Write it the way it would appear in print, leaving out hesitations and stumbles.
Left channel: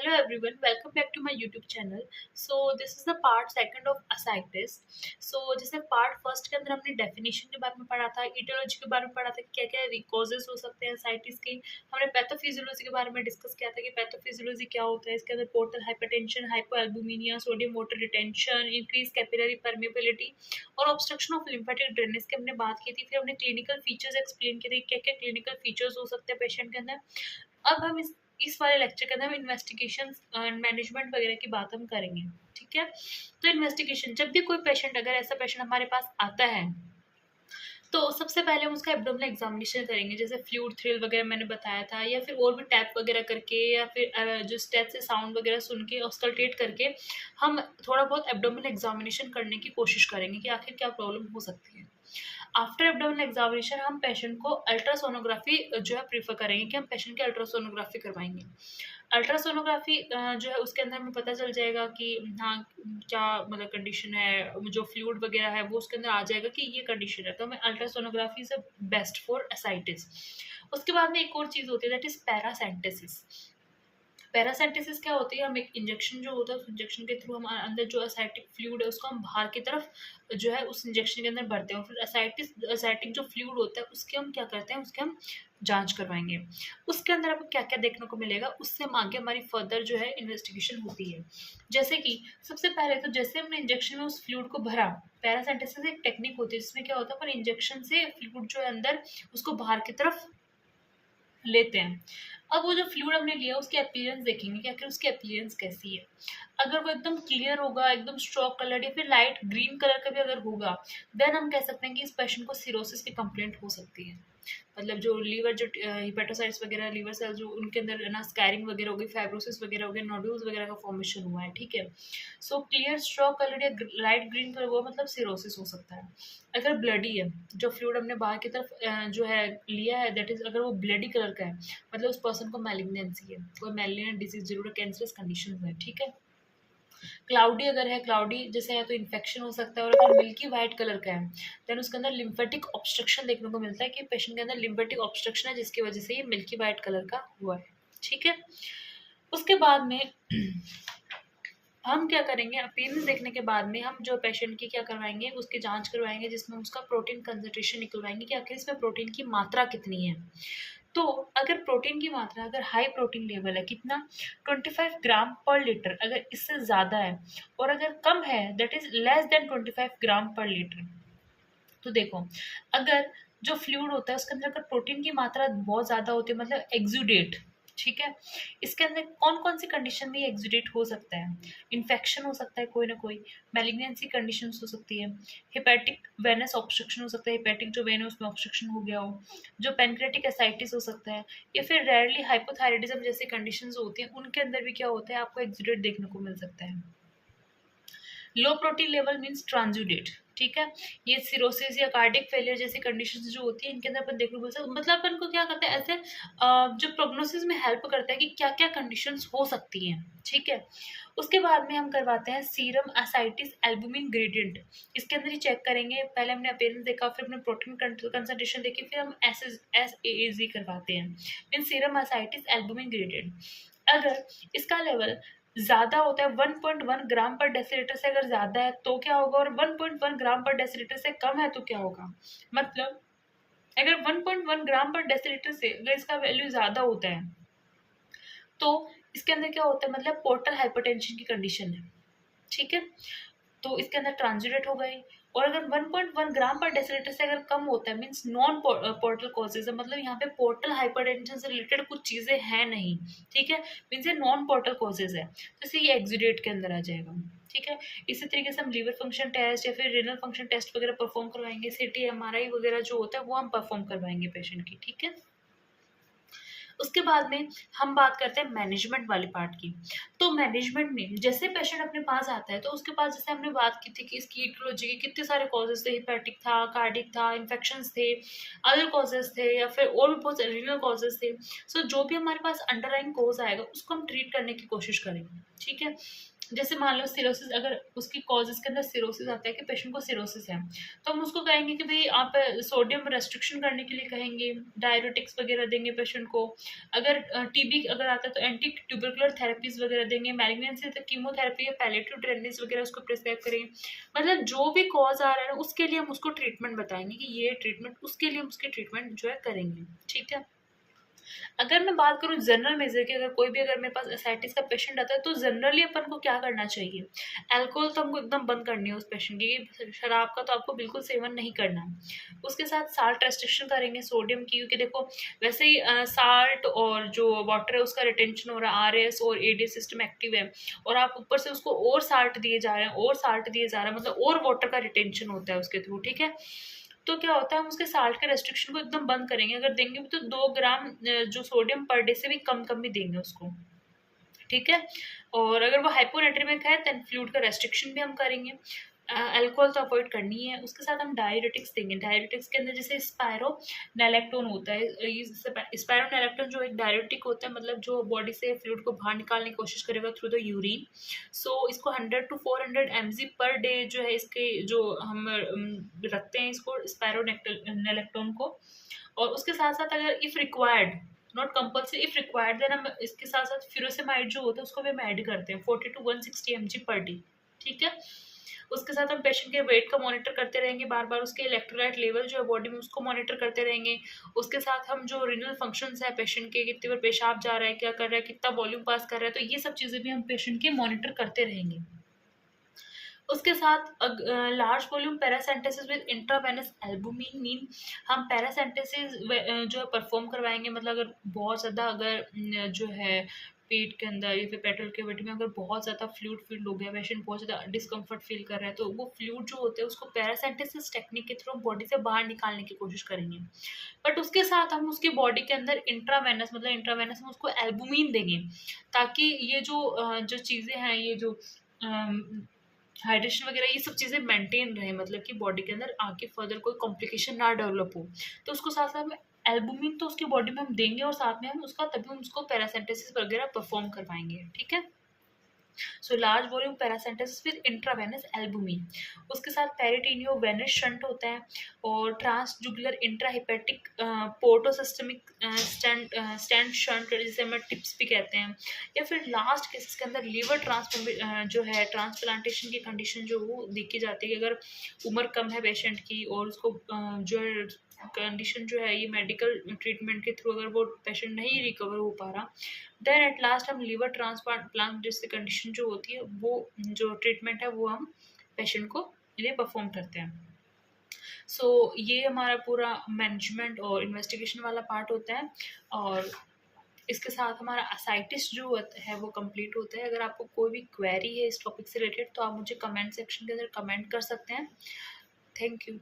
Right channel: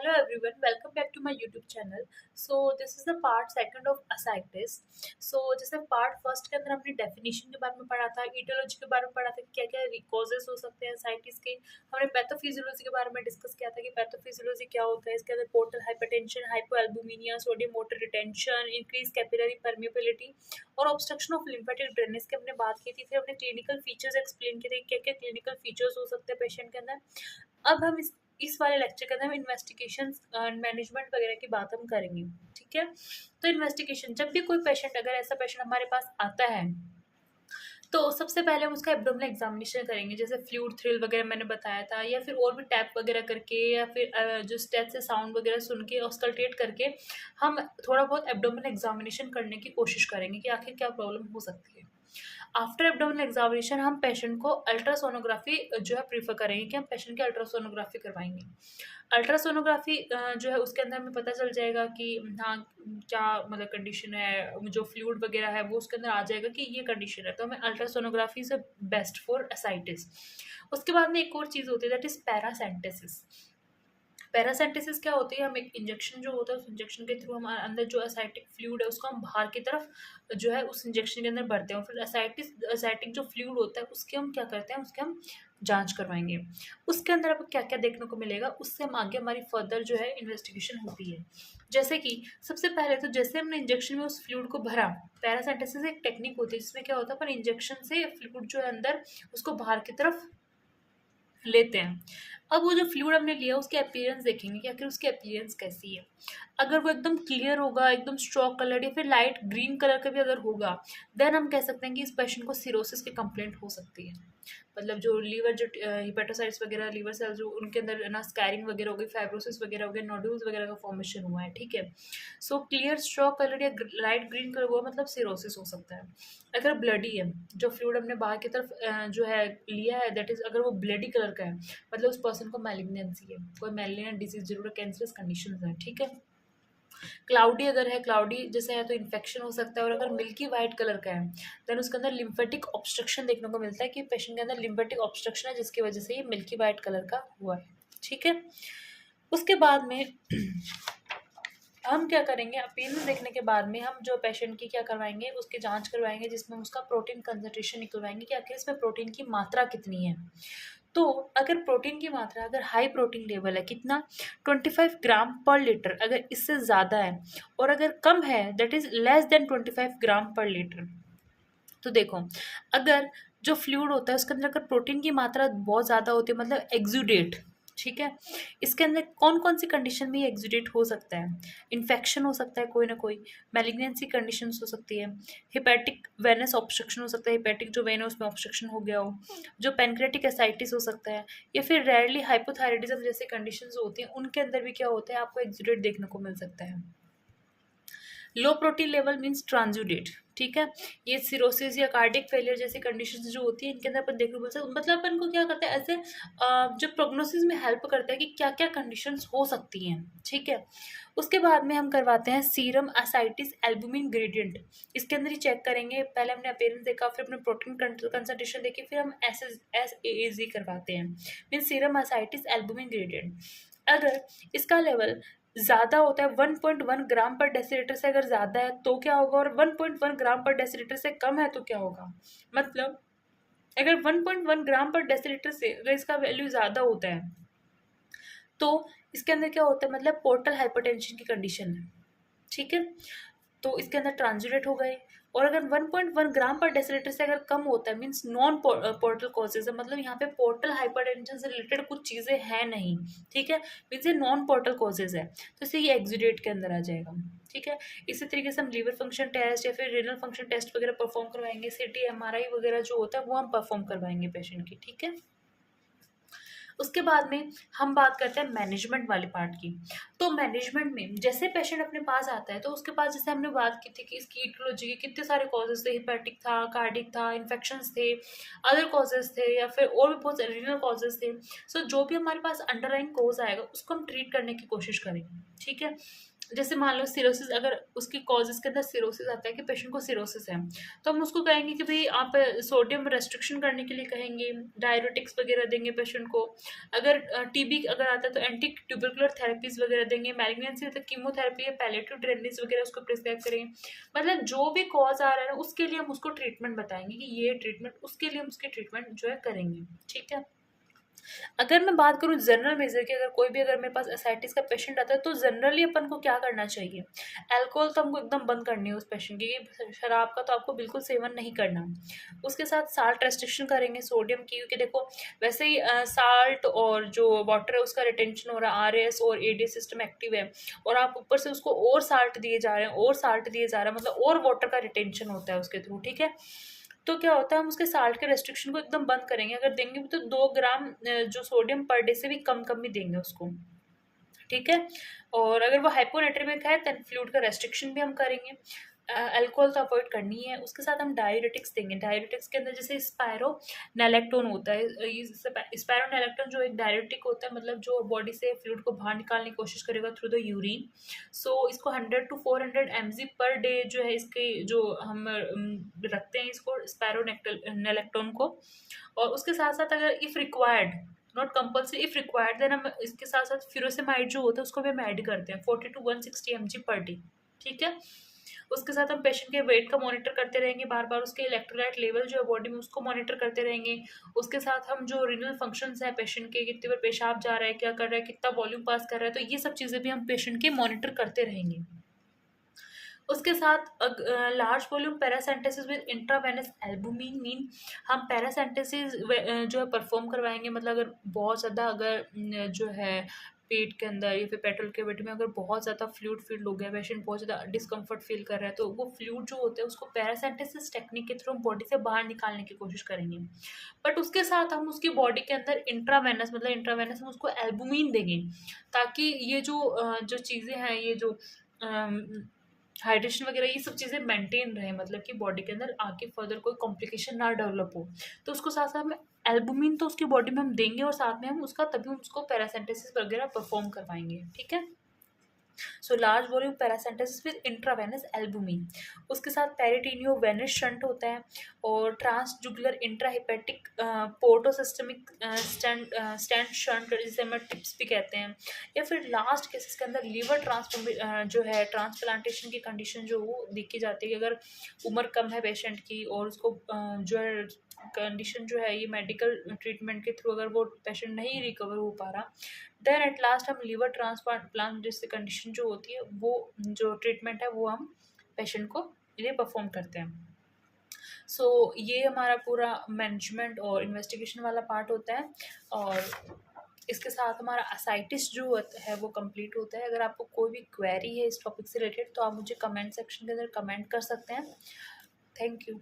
Hello everyone, welcome back to my YouTube channel. So this is the part second of ascites. So जैसे part first के अंदर हमने definition के बारे में पढ़ा था, ईटियोलॉजी के बारे में पढ़ा था, क्या क्या कॉजेस हो सकते हैं ascites के। हमने पैथोफिजियोलॉजी के बारे में डिस्कस किया था कि पैथोफिजियोलॉजी क्या होता है। इसके अंदर portal hypertension, hypoalbuminemia, sodium water retention, increase capillary permeability और ऑब्स्ट्रक्शन ऑफ लिम्फेटिक ड्रेनेज की हमने बात की थी। फिर हमने क्लिनिकल फीचर्स एक्सप्लेन किए थे, क्या क्या क्लिनिकल फीचर्स हो सकते हैं पेशेंट के अंदर। अब हम इस वाले लेक्चर के अंदर हम इन्वेस्टिगेशन मैनेजमेंट वगैरह की बात हम करेंगे। ठीक है, तो इन्वेस्टिगेशन, जब भी कोई पेशेंट, अगर ऐसा पेशेंट हमारे पास आता है तो सबसे पहले हम उसका एब्डोमिनल एग्जामिनेशन करेंगे, जैसे फ्लूइड थ्रिल वगैरह मैंने बताया था, या फिर और भी टैप वगैरह करके, या फिर जो स्टेट से साउंड वगैरह सुन के ऑस्कल्टेट करके हम थोड़ा बहुत एब्डोमिनल एग्जामिनेशन करने की कोशिश करेंगे कि आखिर क्या प्रॉब्लम हो सकती है। आफ्टर एब्डोमिनल एग्जामिनेशन हम पेशेंट को अल्ट्रासोनोग्राफी जो है प्रीफर करेंगे कि हम पेशेंट की अल्ट्रासोनोग्राफी करवाएंगे। अल्ट्रासोनोग्राफी जो है उसके अंदर हमें पता चल जाएगा कि हाँ, क्या मतलब कंडीशन है, जो फ्लूइड वगैरह है वो उसके अंदर आ जाएगा कि ये कंडीशन है, तो हमें ultrasonography is best for ascites. उसके बाद में एक और चीज़ होती है, दैट इज पैरासेंटेसिस। पैरासेंटेसिस क्या होती है, हम एक इंजेक्शन जो होता है उस इंजेक्शन के थ्रू हम अंदर जो एसाइटिक फ्लूइड है उसको हम बाहर की तरफ जो है उस इंजेक्शन के अंदर भरते हैं, और फिर एसाइटिक जो फ्लूइड होता है उसके हम क्या करते हैं, उसके हम जांच करवाएंगे। उसके अंदर आपको क्या क्या देखने को मिलेगा, उससे हम आगे हमारी फर्दर जो है इन्वेस्टिगेशन होती है। जैसे कि सबसे पहले तो जैसे हमने इंजेक्शन में उस फ्लूइड को भरा, पैरासेंटेसिस एक टेक्निक होती है जिसमें क्या होता है, पर इंजेक्शन से फ्लूइड जो है अंदर उसको बाहर की तरफ लेते हैं। अब वो जो फ्लूइड हमने लिया उसकी अपीयरेंस देखेंगे कि आखिर उसकी अपीयरेंस कैसी है। अगर वो एकदम क्लियर होगा, एकदम स्ट्रॉक कलर या फिर लाइट ग्रीन कलर का भी अगर होगा, देन हम कह सकते हैं कि इस पेशेंट को सिरोसिस की कंप्लेंट हो सकती है। मतलब जो लीवर, जो हिपेटोसाइट्स वगैरह, लीवर सेल्स जो उनके अंदर ना स्कैरिंग वगैरह हो गई, फाइब्रोसिस वगैरह हो गए, नोड्यूल्स वगैरह का फॉर्मेशन हुआ है। ठीक है, सो क्लियर स्ट्रॉक कलर या लाइट ग्रीन कलर हुआ मतलब सिरोसिस हो सकता है। अगर ब्लडी है, जो फ्लूइड हमने बाहर की तरफ जो है लिया है, दैट इज अगर वो ब्लडी कलर का है, मतलब उस पर्सन को मैलिग्नेंसी है, कोई मैलिग्नेंट डिजीज जरूर है, कैंसरस कंडीशन है। ठीक है, क्लाउडी अगर है, क्लाउडी जैसे है तो इन्फेक्शन हो सकता है। और अगर मिल्की वाइट कलर का है, देन उसके अंदर लिम्फेटिक ऑब्स्ट्रक्शन देखने को मिलता है कि पेशेंट के अंदर लिम्फेटिक ऑब्स्ट्रक्शन है जिसकी वजह से ये मिल्की वाइट कलर का हुआ है। ठीक है, उसके बाद में हम क्या करेंगे, अपीयरेंस देखने के बाद में हम जो पेशेंट की क्या करवाएंगे, उसकी जांच करवाएंगे जिसमें उसका प्रोटीन कंसंट्रेशन निकलवाएंगे कि आखिर इसमें प्रोटीन की मात्रा कितनी है। तो अगर प्रोटीन की मात्रा, अगर हाई प्रोटीन लेवल है, कितना, 25 ग्राम पर लीटर, अगर इससे ज़्यादा है, और अगर कम है, दैट इज़ लेस देन 25 ग्राम पर लीटर। तो देखो, अगर जो फ्लूइड होता है उसके अंदर अगर प्रोटीन की मात्रा बहुत ज़्यादा होती है, मतलब एक्सुडेट, ठीक है, इसके अंदर कौन कौन सी कंडीशन में ये एक्सुडेट हो सकता है। इन्फेक्शन हो सकता है कोई ना कोई, मैलिग्नेंसी कंडीशंस हो सकती है, हिपैटिक वेनस ऑब्स्ट्रक्शन हो सकता है, हिपैटिक जो वेन है उसमें ऑब्स्ट्रक्शन हो गया हो, जो पेनक्रेटिक एसाइटिस हो सकता है, या फिर रेयरली हाइपोथायराइडिज्म जैसे कंडीशंस होती हैं उनके अंदर भी क्या होता है, आपको एक्सुडेट देखने को मिल सकता है। लो प्रोटीन लेवल मीन्स ट्रांजुडेट। ठीक है, ये सिरोसिस या कार्डियक फेलियर जैसी कंडीशंस जो होती है इनके अंदर अपन देखने को मिलता है। मतलब अपन को क्या करता है ऐसे जो प्रोग्नोसिस में हेल्प करता है कि क्या क्या कंडीशंस हो सकती हैं। ठीक है, उसके बाद में हम करवाते हैं सीरम असाइटिस एल्बुमिन ग्रेडियंट। इसके अंदर ही चेक करेंगे, पहले हमने अपीयरेंस देखा, फिर हमने प्रोटीन कंसंट्रेशन देखी, फिर हम एस ए करवाते हैं, mean serum ascites albumin gradient. अगर इसका लेवल ज़्यादा होता है, 1.1 ग्राम पर डेसीलीटर से अगर ज़्यादा है तो क्या होगा, और 1.1 ग्राम पर डेसीलीटर से कम है तो क्या होगा। मतलब अगर 1.1 ग्राम पर डेसीलीटर से अगर इसका वैल्यू ज़्यादा होता है तो इसके अंदर क्या होता है, मतलब पोर्टल हाइपरटेंशन की कंडीशन है। ठीक है, तो इसके अंदर ट्रांजिट हो गए। और अगर 1.1 ग्राम पर डेसीलीटर से अगर कम होता है, मीन्स नॉन पोर्टल कॉजेज है, मतलब यहाँ पे पोर्टल हाइपरटेंशन से रिलेटेड कुछ चीज़ें हैं नहीं। ठीक है, मीन्स ये नॉन पोर्टल कॉजेज है, तो इसे ये एक्सुडेट के अंदर आ जाएगा। ठीक है, इसी तरीके से हम लीवर फंक्शन टेस्ट या फिर रेनल फंक्शन टेस्ट वगैरह परफॉर्म करवाएंगे, सीटी एमआरआई वगैरह जो होता है वो हम परफॉर्म करवाएंगे पेशेंट की। ठीक है, उसके बाद में हम बात करते हैं मैनेजमेंट वाले पार्ट की। तो मैनेजमेंट में जैसे पेशेंट अपने पास आता है तो उसके पास, जैसे हमने बात की थी कि इसकी इटियोलॉजी के कितने सारे कॉजेज थे, हिपैटिक था, कार्डिक था, इन्फेक्शंस थे, अदर कॉजेज थे, या फिर और भी बहुत सारे रीनल कॉजेज थे। सो जो भी हमारे पास अंडरलाइन कॉज आएगा उसको हम ट्रीट करने की कोशिश करेंगे। ठीक है, जैसे मान लो सिरोसिस, अगर उसकी कॉजेज़ के अंदर सिरोसिस आता है कि पेशेंट को सिरोसिस है, तो हम उसको कहेंगे कि भई आप सोडियम रेस्ट्रिक्शन करने के लिए कहेंगे, डाययूरेटिक्स वगैरह देंगे पेशेंट को। अगर टीबी अगर आता है तो एंटी ट्यूबरकुलर थेरेपीज़ वगैरह देंगे, मैलिग्नेंसी है तो कीमोथेरेपी या पैलिएटिव ड्रेनेज वगैरह उसको प्रिस्क्राइब करेंगे। मतलब जो भी कॉज़ आ रहा है ना, उसके लिए हम उसको ट्रीटमेंट बताएँगे कि ये ट्रीटमेंट, उसके लिए हम उसकी ट्रीटमेंट जो है करेंगे, ठीक है? अगर मैं बात करूँ जनरल मेजर की, अगर कोई भी अगर मेरे पास एसाइटिस का पेशेंट आता है तो जनरली अपन को क्या करना चाहिए? अल्कोहल तो हमको एकदम बंद करनी है उस पेशेंट की, कि शराब का तो आपको बिल्कुल सेवन नहीं करना। उसके साथ साल्ट रेस्ट्रिक्शन करेंगे, सोडियम की, क्योंकि देखो वैसे ही साल्ट और जो वाटर है उसका रिटेंशन हो रहा है, आरएस और एडीएस सिस्टम एक्टिव है, और आप ऊपर से उसको और साल्ट दिए जा रहे हैं, और साल्ट दिए जा रहे हैं, मतलब और वाटर का रिटेंशन होता है उसके थ्रू, ठीक है? तो क्या होता है, हम उसके साल्ट के रेस्ट्रिक्शन को एकदम बंद करेंगे। अगर देंगे भी तो 2 ग्राम जो सोडियम पर डे से भी कम-कम ही देंगे उसको, ठीक है? और अगर वो हाइपोनेट्रेमिक है देन फ्लूइड का रेस्ट्रिक्शन भी हम करेंगे। अल्कोहल तो अवॉइड करनी ही है। उसके साथ हम डाययूरेटिक्स देंगे। डाययूरेटिक्स के अंदर जैसे स्पायरोनैलेक्टोन होता है। ये स्पायरोनैलेक्टोन जो एक डाययूरेटिक होता है, मतलब जो बॉडी से फ्लूइड को बाहर निकालने की कोशिश करेगा थ्रू द यूरिन। सो इसको 100 टू 400 mg पर डे जो है इसके जो हम रखते हैं इसको स्पायरोनैलेक्टोन को। और उसके साथ-साथ अगर if required, not compulsory, if required then हम इसके साथ-साथ फ्यूरोसेमाइड जो होता है उसको भी हम ऐड करते हैं 40 टू 160 mg पर डे, ठीक है? उसके साथ हम पेशेंट के वेट का मॉनिटर करते रहेंगे, बार-बार उसके इलेक्ट्रोलाइट लेवल जो है बॉडी में उसको मॉनिटर करते रहेंगे। उसके साथ हम जो रीनल फंक्शंस है पेशेंट के, कितनी बार पेशाब जा रहा है, क्या कर रहा है, कितना वॉल्यूम पास कर रहा है, तो ये सब चीज़ें भी हम पेशेंट के मॉनिटर करते रहेंगे। उसके साथ large volume paracentesis with intravenous albumin mean हम पैरासेंटेसिस जो है परफॉर्म करवाएंगे। मतलब अगर बहुत ज़्यादा अगर जो है पेट के अंदर या फिर पेट्रोल कैविटी में अगर बहुत ज़्यादा फ्लूइड फील हो गया, पेशेंट बहुत ज़्यादा डिस्कम्फर्ट फील कर रहा है, तो वो फ्लूइड जो होते हैं उसको पैरासेंटेसिस टेक्निक के थ्रू बॉडी से बाहर निकालने की कोशिश करेंगे। बट उसके साथ हम उसकी बॉडी के अंदर इंट्रावेनस, मतलब इंट्रावेनस हम उसको एल्बुमिन देंगे, ताकि ये जो चीज़ें हैं, ये जो हाइड्रेशन वगैरह, ये सब चीज़ें मेंटेन रहे, मतलब कि बॉडी के अंदर आगे फर्दर कोई कॉम्प्लिकेशन ना डेवलप हो। तो उसको साथ साथ में एल्बुमिन तो उसकी बॉडी में हम देंगे, और साथ में हम उसका तभी हम उसको पैरासिम्पथेसिस वगैरह परफॉर्म करवाएंगे, ठीक है? So large volume paracentesis with intravenous albumin. उसके साथ पेरिटोनियो वेनस शंट होता है, और transjugular intrahepatic portosystemic stent shunt, जिसे हम टिप्स भी कहते हैं। या फिर लास्ट केसेस के अंदर लीवर जो है ट्रांसप्लांटेशन की कंडीशन जो वो देखी जाती है कि अगर उम्र कम है पेशेंट की और उसको जो है कंडीशन जो है ये मेडिकल ट्रीटमेंट के थ्रू अगर वो पेशेंट नहीं रिकवर हो पा रहा, देन एट लास्ट हम लीवर ट्रांसप्लांट जैसे कंडीशन जो होती है वो जो ट्रीटमेंट है वो हम पेशेंट को लिए परफॉर्म करते हैं। सो ये हमारा पूरा मैनेजमेंट और इन्वेस्टिगेशन वाला पार्ट होता है, और इसके साथ हमारा असाइटिस जो है वो कंप्लीट होता है। अगर आपको कोई भी क्वेरी है इस टॉपिक से रिलेटेड तो आप मुझे कमेंट सेक्शन के अंदर कमेंट कर सकते हैं। Thank you.